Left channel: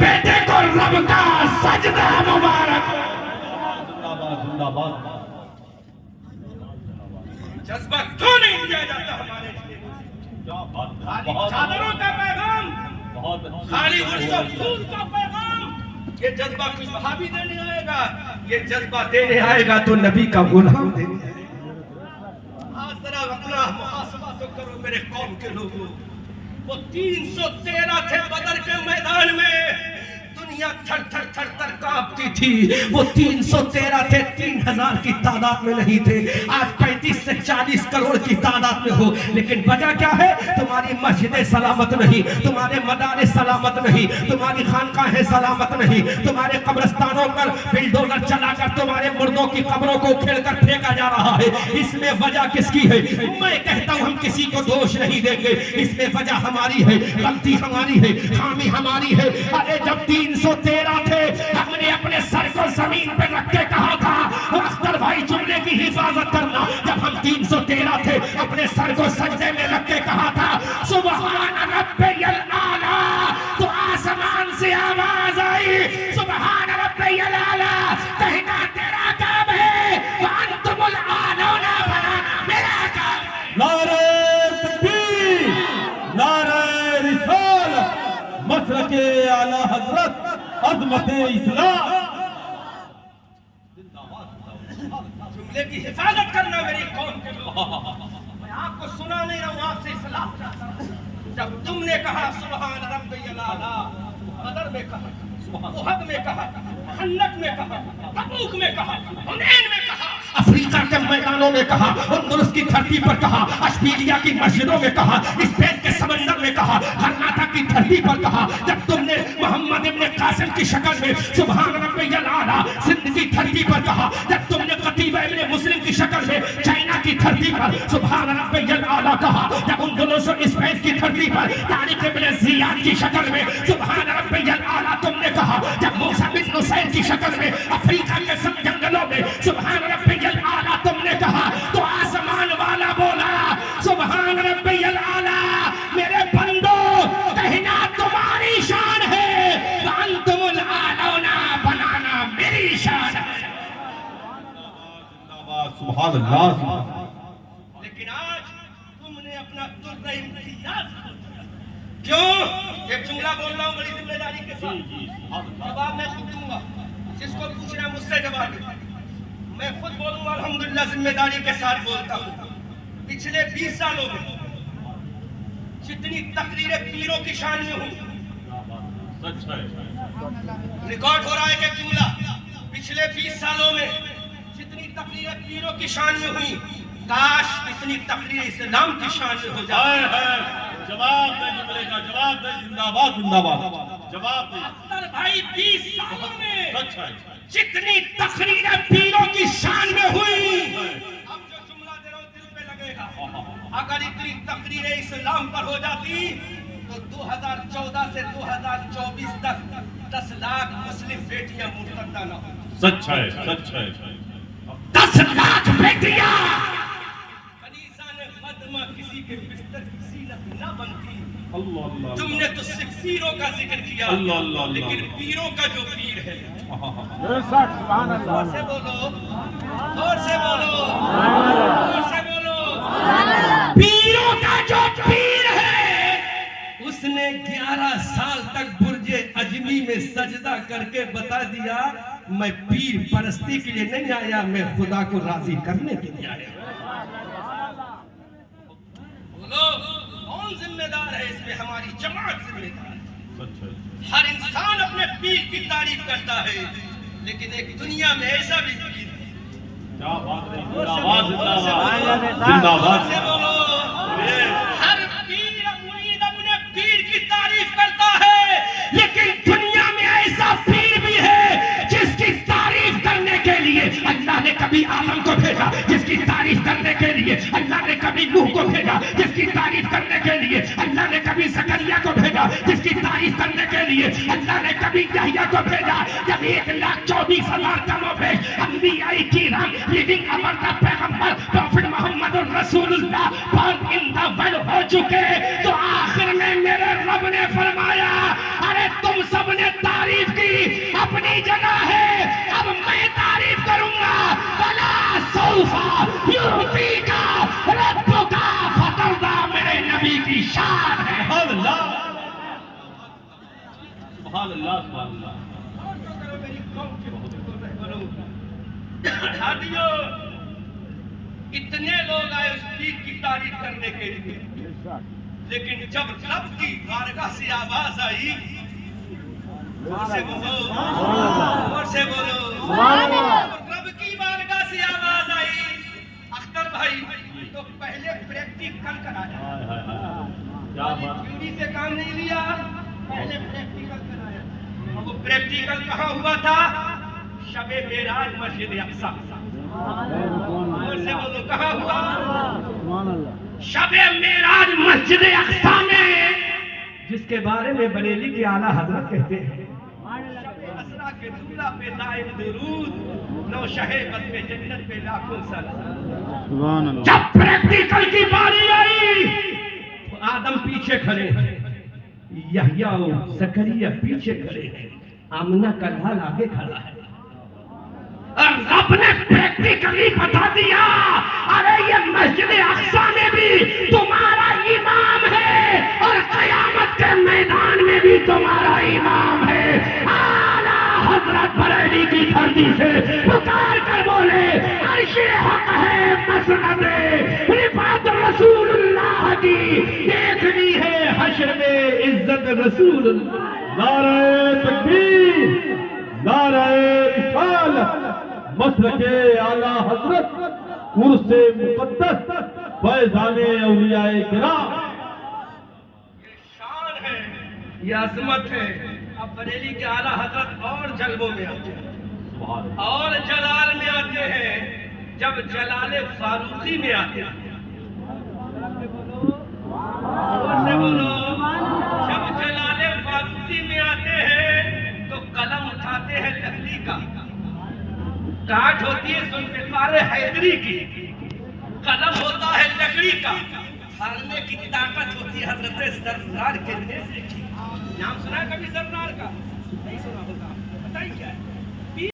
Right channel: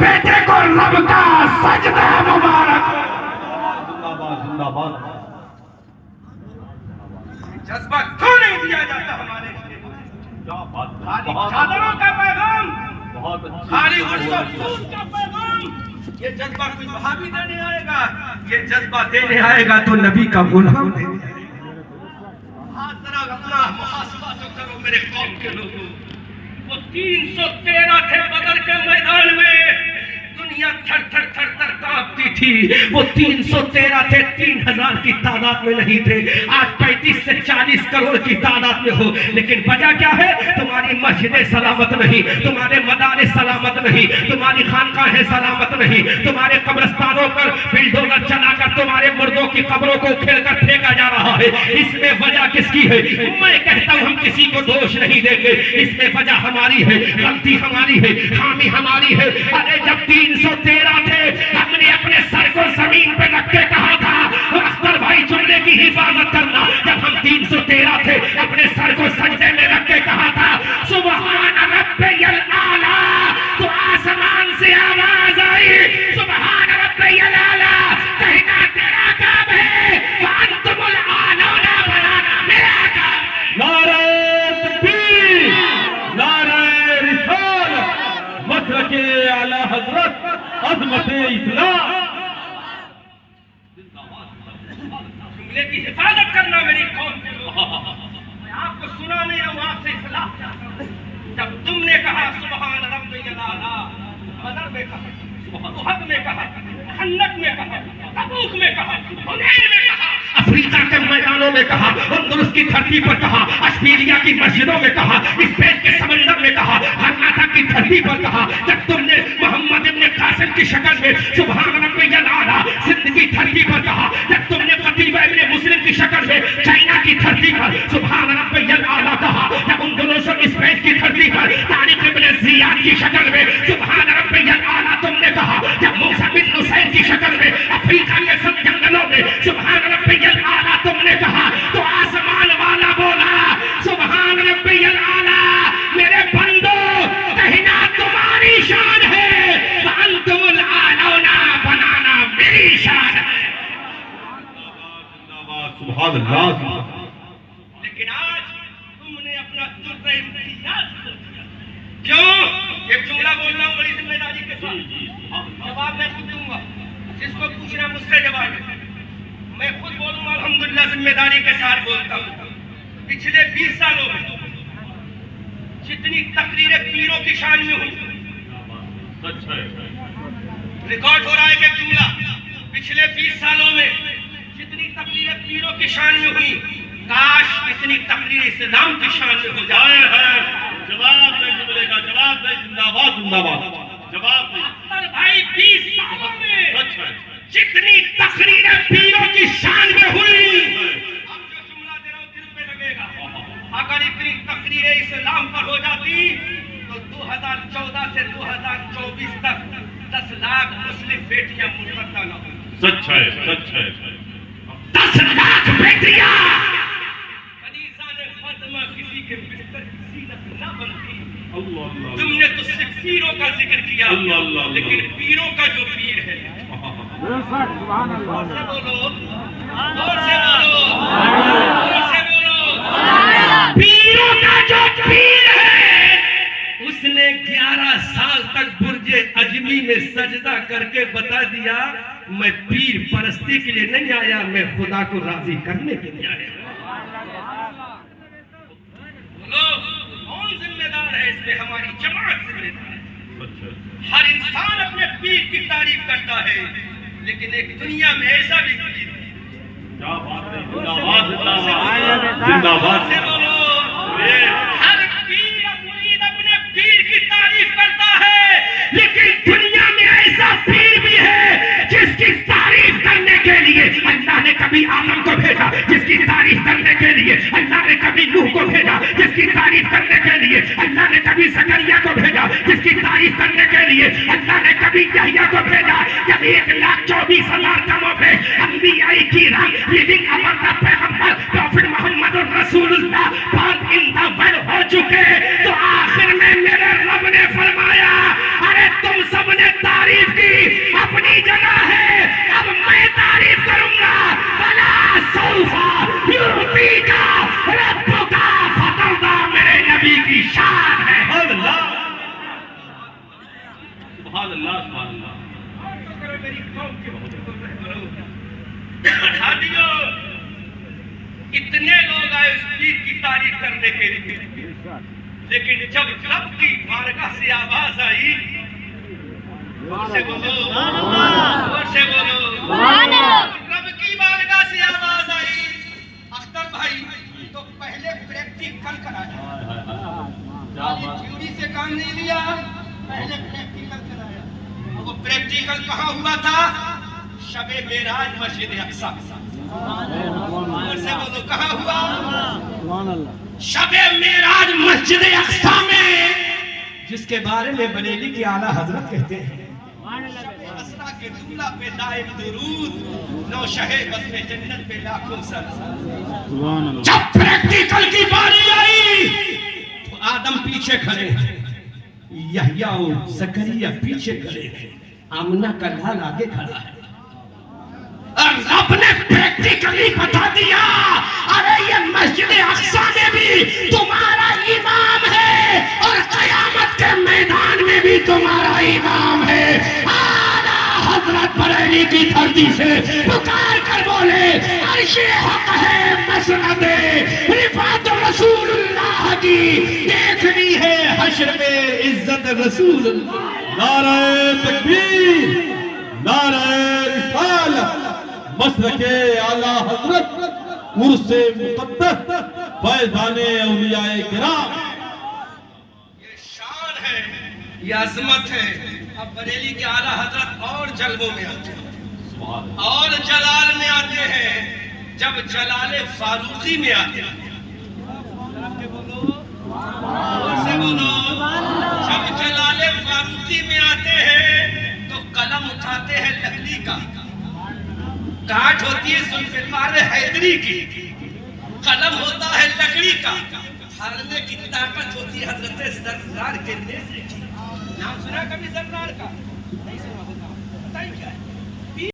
بیٹے کو رب کا سجدہ مبارک. زندہ باد. جذبہ کیوں نہیں دیا جاتا ہمارے لیے؟ چادروں کا پیغام، خالی عرص و خون کا پیغام. یہ جذبہ کوئی وہابی دینے آئے گا، یہ جذبہ دینے آئے گا تو نبی کا غلام دینے آئے گا. آج ذرا اپنا محاسبہ تو کرو میرے قوم کے لوگوں. وہ 313 تھے بدر کے میدان میں، دنیا تھر تھر تھر تھر کانپتی تھی. وہ 313 تھے، 3000 کی تعداد میں نہیں تھے. آج 35 سے 40 کروڑ کی تعداد میں ہو، لیکن وجہ کیا ہے؟ تمہاری مسجدیں سلامت نہیں، تمہارے مدارس سلامت نہیں، تمہاری خانقاہیں سلامت نہیں، تمہارے قبرستانوں پر بلڈوزر چلا کر تمہارے مردوں کی قبروں کو کھیل کر پھینکا جا رہا ہے. اس میں وجہ کس کی ہے؟ میں کہتا ہوں ہم کسی کو دوش نہیں دیں گے. اس میں وجہ ہماری ہے، غلطی ہماری ہے، خامی ہماری ہے. ارے جب 313 تھے، ہم نے اپنے سر کو زمین پہ رکھ کے کہا تھا اختر بھائی جملے کی حفاظت کرنا. جب ہم 313 تھے، اپنے سر کو سجدے میں رکھ کے کہا تھا سبحان ربی الاعلیٰ، تو آسمان سے آواز آئی سبحان ربی الاعلیٰ، کہنا تیرا کام ہے، وانتم الاعلون بنانا میرا کام. نعرہ تکبیر، نعرہ رسالت، مسلک اعلی حضرت، عظمت اسلام. جملے کی حفاظت کرنا میری قوم کے لوگ. میں آپ کو سنا نہیں رہا ہوں، آپ سے اصلاح چاہتا ہوں. جب تم نے کہا سبحان ربی الاعلیٰ، بدر میں کہا، احد میں کہا، خندق میں کہا، تبوک میں کہا، حنین میں کہا، افریقہ کے میدانوں میں کہا، اندلس کی دھرتی پر کہا، اشبیلیہ کی مسجدوں میں کہا، اسپین کے سمندر میں کہا، غرناطہ کی دھرتی پر کہا. جب تم نے محمد ابن قاسم کی شکل میں سبحان ربی الاعلیٰ سندھ کی دھرتی پر کہا، جب تم نے قتیبہ ابن مسلم کی شکل میں چائنا کی دھرتی پر سبحان ربی الاعلیٰ کہا، جب اندلس اور اسپین کی دھرتی پر طارق ابن زیاد کی شکل میں سبحان ربی الاعلیٰ تم نے کہا، جب موسیٰ بن حسین کی شکل میں افریقہ کے سب جنگلوں میں سبحان ربی الاعلیٰ تم نے کہا، تو آسمان والا بولا سبحان ربی الاعلیٰ، میرے بندو کہنا تمہاری شان ہے، وانتم الاعلون بنانا میری شان ہے. سبحان اللہ. لیکن آج تم نے اپنا درد امتیاز کھو دیا. کیوں؟ ایک جملہ بول رہا ہوں بڑی ذمہ داری کے ساتھ، جواب میں خود دوں گا، جس کو پوچھنا مجھ سے جواب دے. میں خود بولوں الحمدللہ ذمہ داری کے ساتھ بولتا ہوں. پچھلے 20 سالوں میں جتنی تقریریں پیروں کی شان میں ہوئی، ریکارڈ ہو رہا ہے کہ جملہ، پچھلے 20 سالوں میں جتنی تقریریں پیروں کی شان میں ہوئی، کاش اتنی تقریر اسلام کی شان میں ہو جائے. جواب دے جملے کا، جواب دے. زندہ باد، زندہ باد. جواب دے. اختر بھائی 20 سالوں میں جتنی تقریریں پیروں کی شان میں ہوئی، اب جو جملہ دے رہا ہوں دل پہ لگے گا. اگر اتنی تقریریں اسلام پر ہو جاتی تو 2014 سے 2024 تک 10 لاکھ مسلم بیٹیاں مرتدہ نہ ہوں. سچ ہے، سچ ہے. 10 لاکھ بیٹیاں کنیزان خادمہ کسی کے بستر کی زینت نہ بنتی. تم نے تو صرف پیروں کا ذکر کیا، لیکن پیروں کا جو پیر ہے، اور سے بولو، اور سے بولو، اور سے بولو، پیروں کا جو پیر ہے، اس نے 11 سال تک برج عجمی میں سجدہ کر کے بتا دیا میں پیر پرستی کے لیے نہیں آیا، میں خدا کو راضی کرنے کے لیے آیا. کون ذمہ دار ہے اس میں؟ ہماری جماعت ذمہ دار ہے. ہر انسان اپنے پیر کی تعریف کرتا ہے، لیکن ایک دنیا میں ایسا بھی پیر ہے. کیا بات ہے. زندہ باد، زندہ باد. زندہ باد. ہر پیر اپنے پیر کی تعریف کرتا ہے، لیکن دنیا میں ایسا پیر بھی ہے جس کی تعریف کرنے کے لیے اللہ نے کبھی آدم کو بھیجا، جس کی تعریف کرنے کے لیے اللہ نے کبھی نوح کو بھیجا، جس کی تعریف کرنے کے لیے اللہ نے کبھی زکریا کو بھیجا، جس کی تعریف کرنے کے لیے اللہ نے کبھی یحییٰ کو بھیجا. جب 1,24,000 کم و بیش انبیاء کرام لیڈنگ امر دا پیغمبر پروفٹ محمد رسول اللہ born in the world ہو چکے، تو آخر میں میرے رب نے فرمایا ارے تم سب نے تعریف کی اپنی جگہ ہے، اب میں تعریف کروں گا۔ وَلَا سَوْفَ يُعْطِيكَ رَبُّكَ فَتَرْضَىٰ، میرے نبی کی شان ہے۔ سبحان اللہ سبحان اللہ سبحان اللہ۔ ہادیوں، اتنے لوگ آئے اس پیر کی تعریف کرنے کے لیے، لیکن جب رب کی بارگاہ سے آواز آئی، زور سے بولو، زور سے بولو، رب کی بارگاہ سے آواز آئی، اختر بھائی تو پہلے پریکٹیکل کرایا، تھیوری سے کام نہیں لیا، پہلے پریکٹیکل کرایا۔ اب وہ پریکٹیکل کہاں ہوا تھا؟ شب معراج مسجد اقصی۔ زور سے بولو، کہاں ہوا؟ شب معراج مسجد اقصی میں، جس کے بارے میں بریلی کے اعلیٰ حضرت کہتے ہیں شب اسرا کے دلہ پہ دائم درود، نو شہ بزم جنت پہ لاکھوں سلام۔ جب پریکٹیکل کی باری آئی تو آدم پیچھے کھڑے ہیں، یحییٰ و زکریا پیچھے کھڑے ہیں، آمنہ کا لال آگے کھڑا ہے، اور رب نے پریکٹیکلی بتا دیا، ارے یہ مسجد اقصی میں بھی تمہارا امام ہے اور قیامت کے میدان میں بھی تمہارا امام ہے۔ اعلیٰ حضرت بریلی کی دھرتی سے پکار کر بولے، عرش حق ہے مسند رفعت رسول اللہ کی، دیکھنی ہے حشر میں عزت رسول اللہ۔ نعرہ تکبیر، نعرہ رسالت، مسلک اعلیٰ حضرت، عرس مقدس، فیضان اولیاء کرام۔ یہ شان ہے، یہ عظمت ہے۔ اب بریلی کے اعلیٰ حضرت اور جلووں میں آتے ہیں اور جلال میں آتے ہیں، جب جلال فاروقی میں آتے ہیں، جب جلال فاروقی میں آتے ہیں تو قلم اٹھاتے ہیں لکڑی کا، کاٹ ہوتی ہے ذوالفقار حیدری کی، قلم ہوتا ہے لکڑی کا، ہارنے کی طاقت ہوتی ہے حضرت زرار کے نیزے کی۔ نام سنا کبھی زرار کا؟ نہیں سنا ہوگا، بتائیں کیا ہے؟